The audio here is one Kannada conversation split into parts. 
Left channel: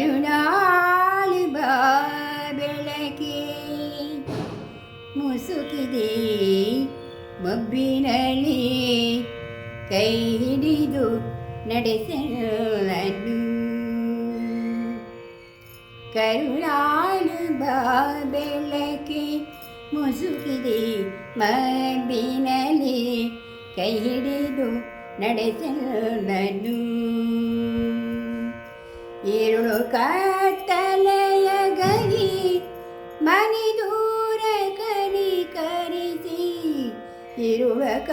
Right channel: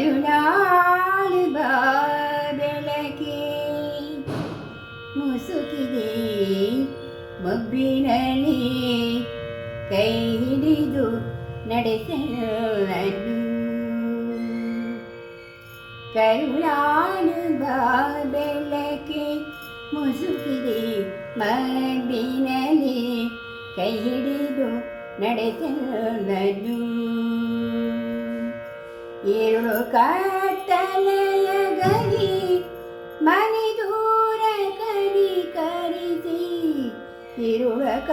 കരുണാളി ബാബിളകി മുസുകിതേ ബബ്ബിനളി ಕೈ ಹಿಡಿದು ನಡೆಸಲು ಕರುಣಾನದ ಬೆಳಕೆ ಮುಸುಕಿದೆ ಮಬ್ಬಿನಲ್ಲಿ ಕೈ ಹಿಡಿದು ನಡೆಸಲು ಎರಡು ಕತ್ತಲೆಯ ಗರಿ ಮನೆ ದೂರ ಕನಿಕರಿಸಿ ಇರುವ ಕ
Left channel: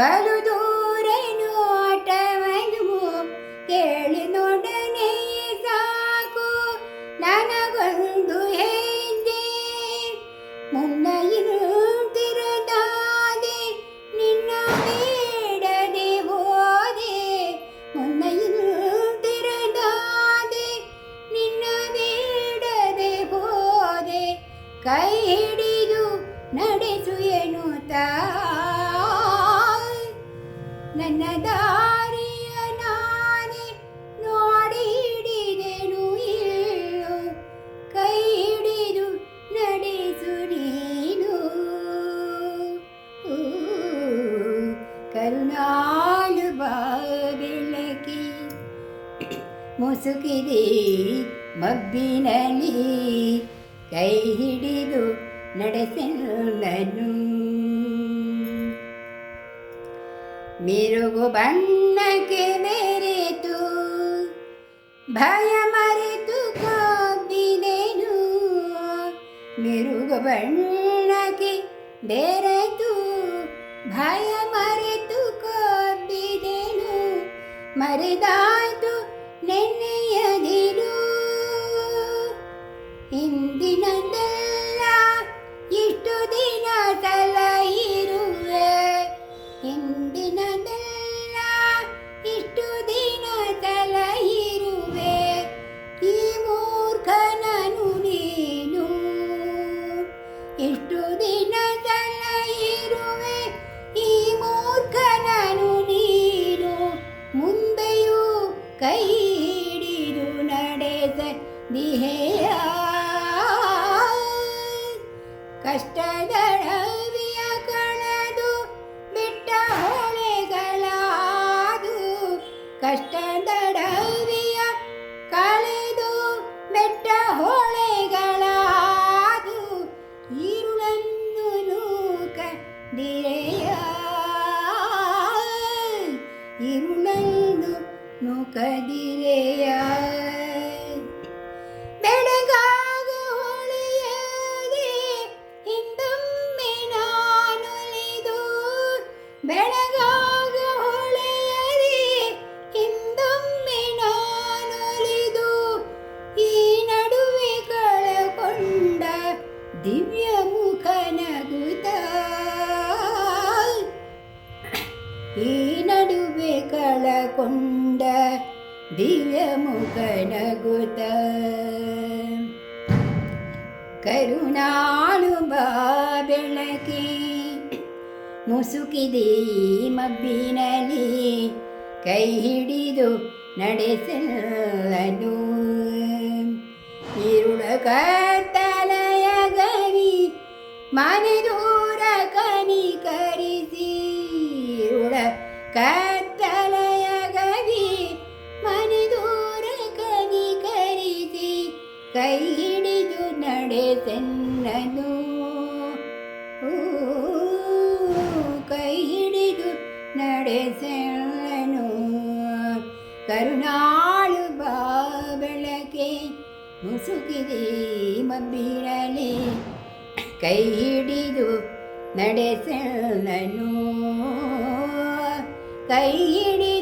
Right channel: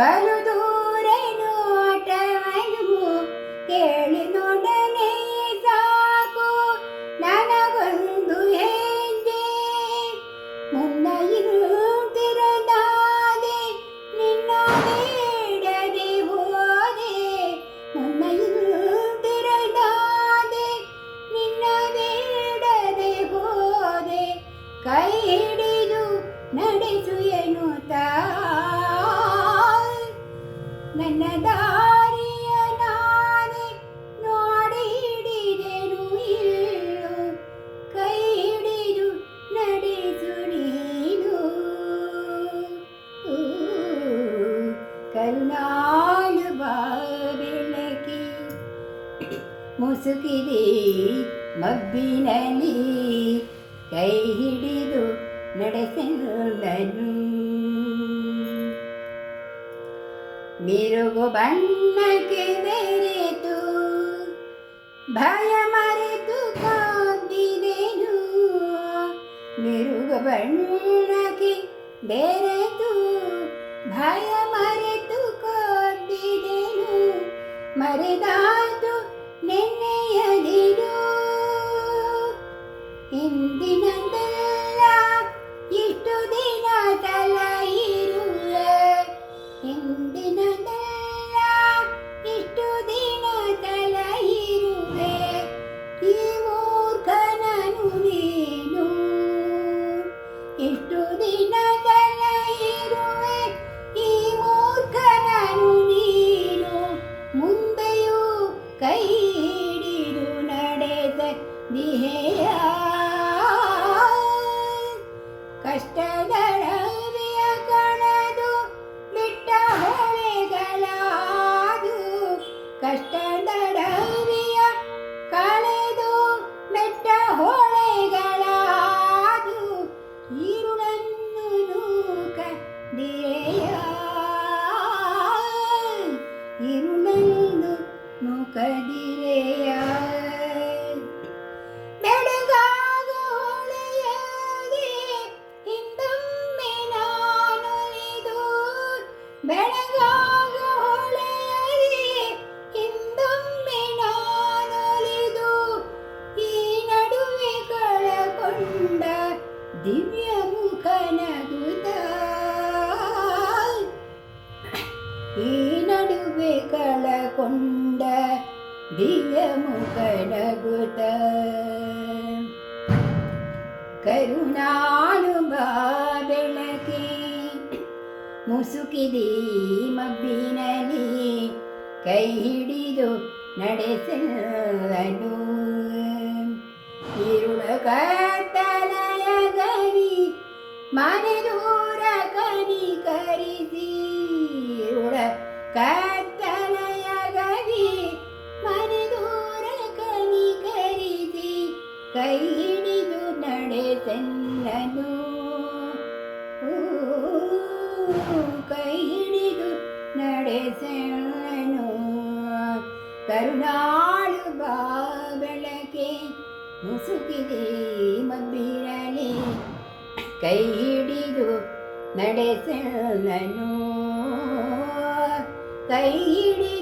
ಬಲುದು ಮುಸುಕಿದೆ, ಮಬ್ಬಿನಲ್ಲಿ ಕೈ ಹಿಡಿದು ನಡೆಸಲನು ಮಿರುಗು ಬಣ್ಣಕ್ಕೆ ಬೆರೆತು ಭಯ ಮರೆತು ಕಬ್ಬಿದೆನು ಮಿರುಗು ಬಣ್ಣಕ್ಕೆ ಬೆರೆತು, ಭಯ ಮರೆತು ಕಬ್ಬಿದೆನು ಮರೆದಾಯ್ತು ನೆನ್ನೆಯದಿರು ಇಂದಿನದೆಲ್ಲ ಇಷ್ಟು ದಿನ ತಲ ಇರುವೆ ಇಂದಿನದೆಲ್ಲ ಇಷ್ಟು ದಿನ ತಲ ಇರುವೆ ಈ ಮೂರ್ಖನನು ನೀನು ಇಷ್ಟು ದಿನ ತಲ ಇರುವೆ ಈ ಮೂರ್ಖನನು ನೀನು ಮುಂದೆಯೂ ಕೈ ಹಿಡಿದು ನಡೆದ ದಿಹೆಯ ಕಷ್ಟದ ಈ ನಡುವೆ ಕಳಕೊಂಡ ದಿವ್ಯ ಮುಖನಗುತ ಕರುಣಾನುಭಾವಣಕಿ ಮುಸುಕಿದೆ ಮಬ್ಬಿನಲ್ಲಿ ಕೈ ಹಿಡಿದು ನಡೆಸಲನು ಇರುಳ ಕತ್ತಲಯ ಗರಿ ಮನೆದು ನಡೆಸೆನ್ನನು ಕರುಣಾಳು ಬಾ ಬೆಳಕೆ ಮುಸುಕಿದೆ ಮಬ್ಬಿರಲಿ ಕೈ ಹಿಡಿದು ನಡೆಸೆನ್ನನು ಕೈ ಹಿಡಿದು